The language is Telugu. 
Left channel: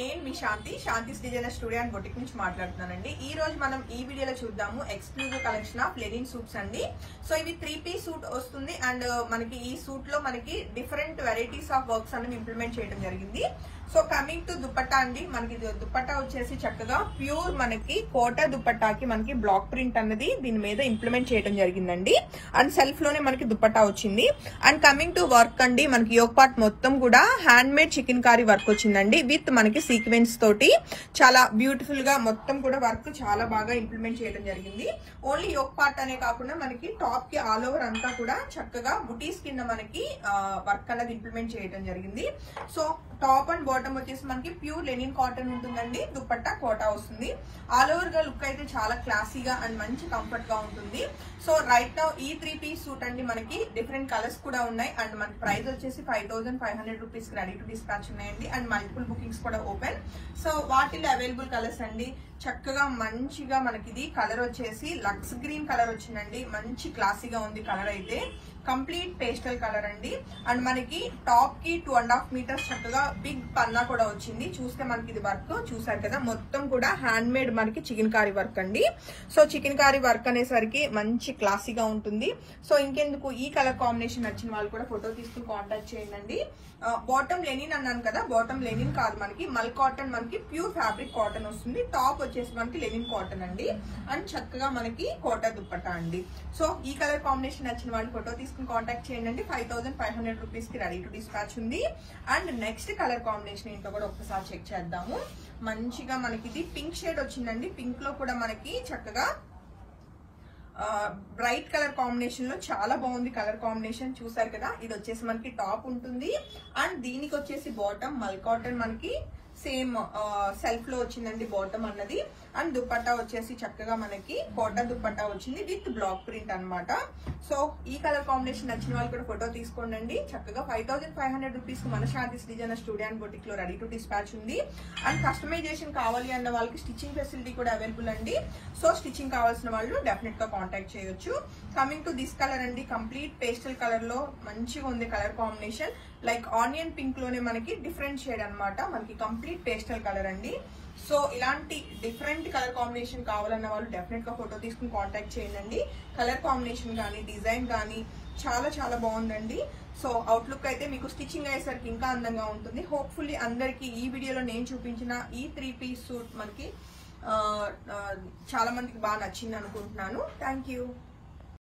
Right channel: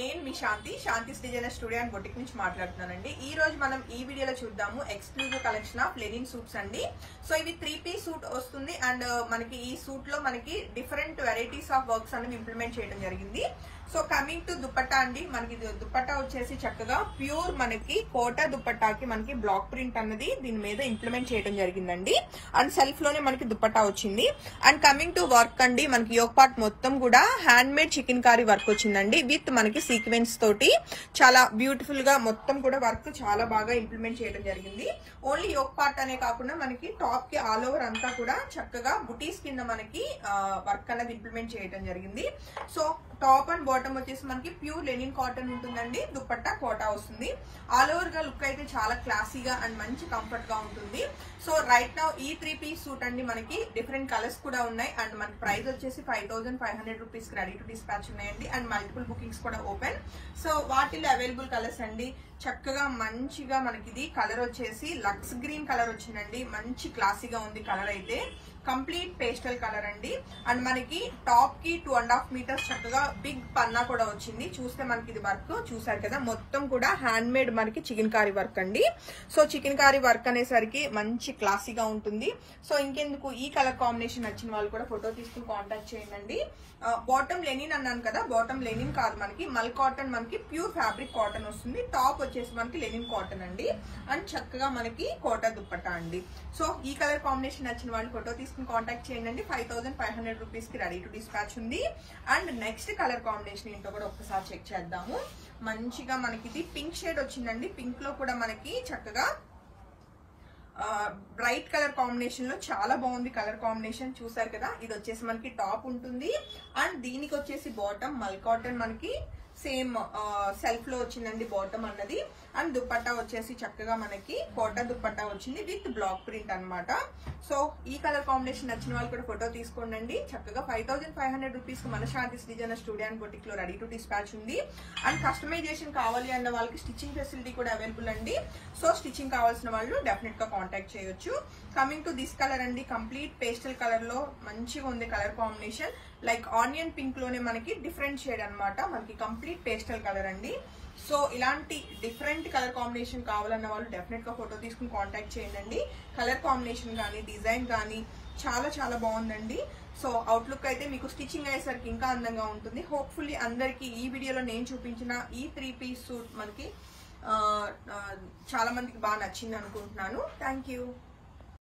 నేను మీ Shanti designer studio and boutique నుంచి మాట్లాడుతున్నానండి. ఈ రోజు మనం ఈ వీడియోలో చూద్దాము exclusive collection of linen suits అండి. సో ఇవి 3-piece సూట్ వస్తుంది అండ్ మనకి ఈ సూట్ లో మనకి డిఫరెంట్ వెరైటీస్ ఆఫ్ వర్క్స్ అనేవి ఇంప్లిమెంట్ చేయడం జరిగింది. సో కమింగ్ టు దుపట్టా అండి, మనకి దుపట్టా వచ్చేసి చక్కగా ప్యూర్ మనకి కోటా దుపట్టాకి మనకి బ్లాక్ ప్రింట్ అన్నది దీని మీద ఇంప్లిమెంట్ చేయడం జరిగిందండి. అండ్ సెల్ఫ్ లోనే మనకి దుపట్టా వచ్చింది. అండ్ కమింగ్ టు వర్క్ అండి, మనకి యోక్ పార్ట్ మొత్తం కూడా hand made chikankari work వచ్చిందండి. విత్ మనకి సీక్వెన్స్ తోటి చాలా బ్యూటిఫుల్ గా మొత్తం కూడా వర్క్ చాలా బాగా ఇంప్లిమెంట్ చేయడం జరిగింది. ఓన్లీ యోక్ పార్ట్ అనే కాకుండా మనకి టాప్ కి ఆల్ ఓవర్ అంతా కూడా చక్కగా బుటీస్ కింద మనకి వర్క్ అన్నది ఇంప్లిమెంట్ చేయడం జరిగింది. సో టాప్ అండ్ బాటమ్ వచ్చేసి మనకి ప్యూర్ లెనిన్ కాటన్ ఉంటుందండి. దుపట్టా కోటా వస్తుంది. ఆల్ ఓవర్ గా లుక్ అయితే చాలా క్లాసీగా అండ్ మంచి కంఫర్ట్ గా ఉంటుంది. సో రైట్ నౌ ఈ 3-piece సూట్ అండి మనకి డిఫరెంట్ కలర్స్ కూడా ఉన్నాయి అండ్ మనకి ప్రైస్ వచ్చేసి 5500 రూపీస్ రెడీ టు డిస్పాచ్ ఉన్నాయండి. అండ్ మల్టిపుల్ బుకింగ్స్ కూడా ఓపెన్. సో వాటిలో అవైలబుల్ కలర్స్ అండి, చక్కగా మంచిగా మనకి ఇది కలర్ వచ్చేసి లక్స్ గ్రీన్ కలర్ వచ్చిందండి. మంచి క్లాసీగా ఉంది కలర్ అయితే. కంప్లీట్ పేస్టల్ కలర్ అండి. అండ్ మనకి టాప్ కి 2.5 మీటర్స్ చక్కగా బిగ్ పన్నా కూడా వచ్చింది. చూస్తే మనకి ఇది వర్క్ చూసారు కదా, మొత్తం కూడా హ్యాండ్ మేడ్ మనకి చికెన్ కారీ వర్క్ అండి. సో చికెన్ కారీ వర్క్ అనేసరికి మంచి క్లాసీగా ఉంటుంది. సో ఇంకెందుకు, ఈ కలర్ కాంబినేషన్ నచ్చిన వాళ్ళు కూడా ఫోటో తీసుకుని కాంటాక్ట్ చేయండి. బాటమ్ లెనిన్ అన్నాను కదా, బాటమ్ లెనిన్ కాదు మనకి మల్ కాటన్, మనకి ప్యూర్ ఫ్యాబ్రిక్ కాటన్ వస్తుంది. టాప్ వచ్చేసి మనకి లెనిన్ కాటన్ అండి. అండ్ చక్కగా మనకి కోటా దుపట్టా అండి. సో ఈ కలర్ కాంబినేషన్ నచ్చిన వాళ్ళు ఫోటో తీసుకుని కాంటాక్ట్ చేయండి. 5500 రూపీస్ కి రెడీ టు డిస్పాచ్ ఉంది. అండ్ నెక్స్ట్ కలర్ కాంబినేషన్ ఏంటో కూడా ఒకసారి చెక్ చేద్దాము. మంచిగా మనకి ఇది పింక్ షేడ్ వచ్చిందండి. పింక్ లో కూడా మనకి చక్కగా బ్రైట్ కలర్ కాంబినేషన్ లో చాలా బాగుంది కలర్ కాంబినేషన్. చూసారు కదా, ఇది వచ్చేసి మనకి టాప్ ఉంటుంది. అండ్ దీనికి వచ్చేసి బాటమ్ మల్ కాటన్ మనకి సేమ్ సెల్ఫ్ లో వచ్చిందండి బాటమ్ అన్నది. అండ్ దుపట్టా వచ్చేసి చక్కగా మనకి కోటా దుపట్టా వచ్చింది విత్ బ్లాక్ ప్రింట్ అన్నమాట. సో ఈ కలర్ కాంబినేషన్ నచ్చిన వాళ్ళు కూడా ఫోటో తీసుకోండి. చక్కగా 5500 రూపీస్ మన శాంతి డిజైనర్ స్టూడియో అండ్ బొటిక్ లో రెడీ టు డిస్పాచ్ ఉంది. అండ్ కస్టమైజేషన్ కావాలి అన్న వాళ్ళకి స్టిచ్చింగ్ ఫెసిలిటీ కూడా అవైలబుల్ అండి. సో స్టిచ్చింగ్ కావాల్సిన వాళ్ళు డెఫినెట్ గా కాంటాక్ట్ చేయొచ్చు. కమింగ్ టు దిస్ కలర్ అండి, కంప్లీట్ పేస్టల్ కలర్ లో మంచిగా ఉంది colour combination. Like onion pink లోనే మనకి డిఫరెంట్ షేడ్ అన్నమాట. మనకి కంప్లీట్ పేస్టల్ కలర్ అండి. సో ఇలాంటి డిఫరెంట్ కలర్ కాంబినేషన్ కావాలన్న వాళ్ళు డెఫినెట్ గా ఫోటో తీసుకుని కాంటాక్ట్ చేయండి. కలర్ కాంబినేషన్ కానీ డిజైన్ కానీ చాలా చాలా బాగుందండి. సో అవుట్లుక్ అయితే మీకు స్టిచ్చింగ్ అయ్యేసరికి ఇంకా అందంగా ఉంటుంది. హోప్ఫుల్లీ అందరికి ఈ వీడియోలో నేను చూపించిన ఈ 3-piece సూట్ మనకి చాలా మందికి బాగా నచ్చింది అనుకుంటున్నాను. Thank you.